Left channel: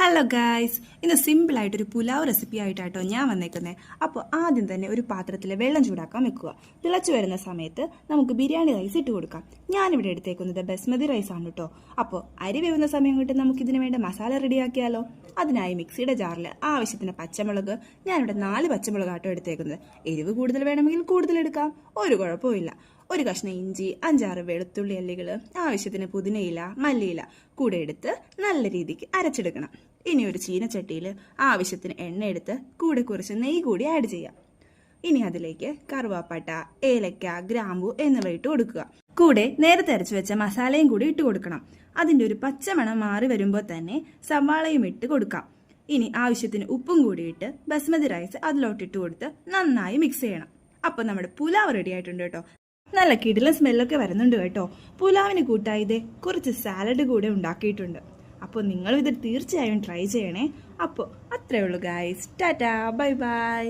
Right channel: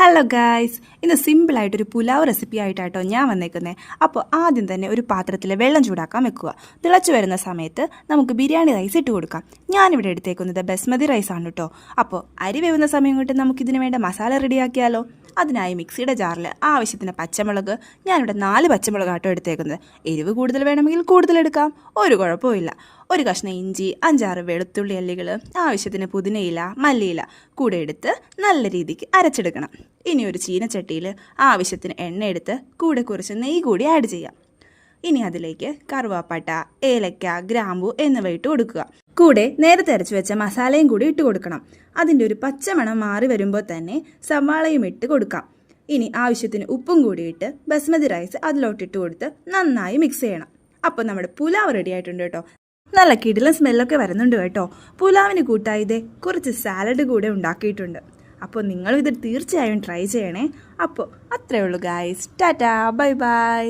Hello guys, ഇന്ന് സിമ്പിളായിട്ടൊരു pulao recipe ആയിട്ടാട്ടോ ഞാൻ വന്നേക്കുന്നത്. അപ്പോൾ ആദ്യം തന്നെ ഒരു പാത്രത്തിൽ വെള്ളം ചൂടാക്കാൻ വെക്കുക. തിളച്ചു വരുന്ന സമയത്ത് നമുക്ക് ബിരിയാണി റൈസ് ഇട്ട് കൊടുക്കാം. ഞാനിവിടെ എടുത്തേക്കുന്നത് ബസ്മതി റൈസാണ് കേട്ടോ. അപ്പോൾ അരി വേവുന്ന സമയം കൊണ്ട് നമുക്കിതിന് വേണ്ട മസാല റെഡിയാക്കിയാലോ. അതിനായി മിക്സിയുടെ ജാറിൽ ആവശ്യത്തിന് പച്ചമുളക്, ഞാനിവിടെ 4 പച്ചമുളകാട്ടോ എടുത്തേക്കുന്നത്. എരിവ് കൂടുതൽ വേണമെങ്കിൽ കൂടുതലെടുക്കാം, ഒരു കുഴപ്പമില്ല. ഒരു കഷ്ണം ഇഞ്ചി, 5-6 വെളുത്തുള്ളി അല്ലികൾ, ആവശ്യത്തിന് പുതിനയില, മല്ലിയില കൂടെ എടുത്ത് നല്ല രീതിക്ക് അരച്ചെടുക്കണം. ഇനി ഒരു ചീനച്ചട്ടിയിൽ ആവശ്യത്തിന് എണ്ണ എടുത്ത് കൂടെ കുറച്ച് നെയ്യ് കൂടി ആഡ് ചെയ്യാം. ഇനി അതിലേക്ക് കറുവാപ്പട്ട, ഏലക്ക, ഗ്രാമ്പു എന്നിവ ഇട്ട് കൊടുക്കുക. കൂടെ നേരത്തെ അരച്ചു വെച്ച മസാലയും കൂടി ഇട്ട് കൊടുക്കണം. അതിൻ്റെ ഒരു പച്ചമണം മാറി വരുമ്പോൾ തന്നെ സവാളയും ഇട്ട് കൊടുക്കാം. ഇനി ആവശ്യത്തിന് ഉപ്പും കൂടി ഇട്ട് ബസ്മതി റൈസ് അതിലോട്ടിട്ട് കൊടുത്ത് നന്നായി മിക്സ് ചെയ്യണം. അപ്പോൾ നമ്മുടെ പുലാവ് റെഡി ആയിട്ടുണ്ട് കേട്ടോ. നല്ല കിടിലൻ സ്മെല്ലൊക്കെ വരുന്നുണ്ട് കേട്ടോ. പുലാവിന് കൂട്ടായി ഇതേ കുറച്ച് സാലഡ് കൂടെ ഉണ്ടാക്കിയിട്ടുണ്ട്. അപ്പോൾ നിങ്ങളും ഇത് തീർച്ചയായും ട്രൈ ചെയ്യണേ. അപ്പോൾ അത്രയേ ഉള്ളൂ ഗായ്സ്. Tata, bye bye.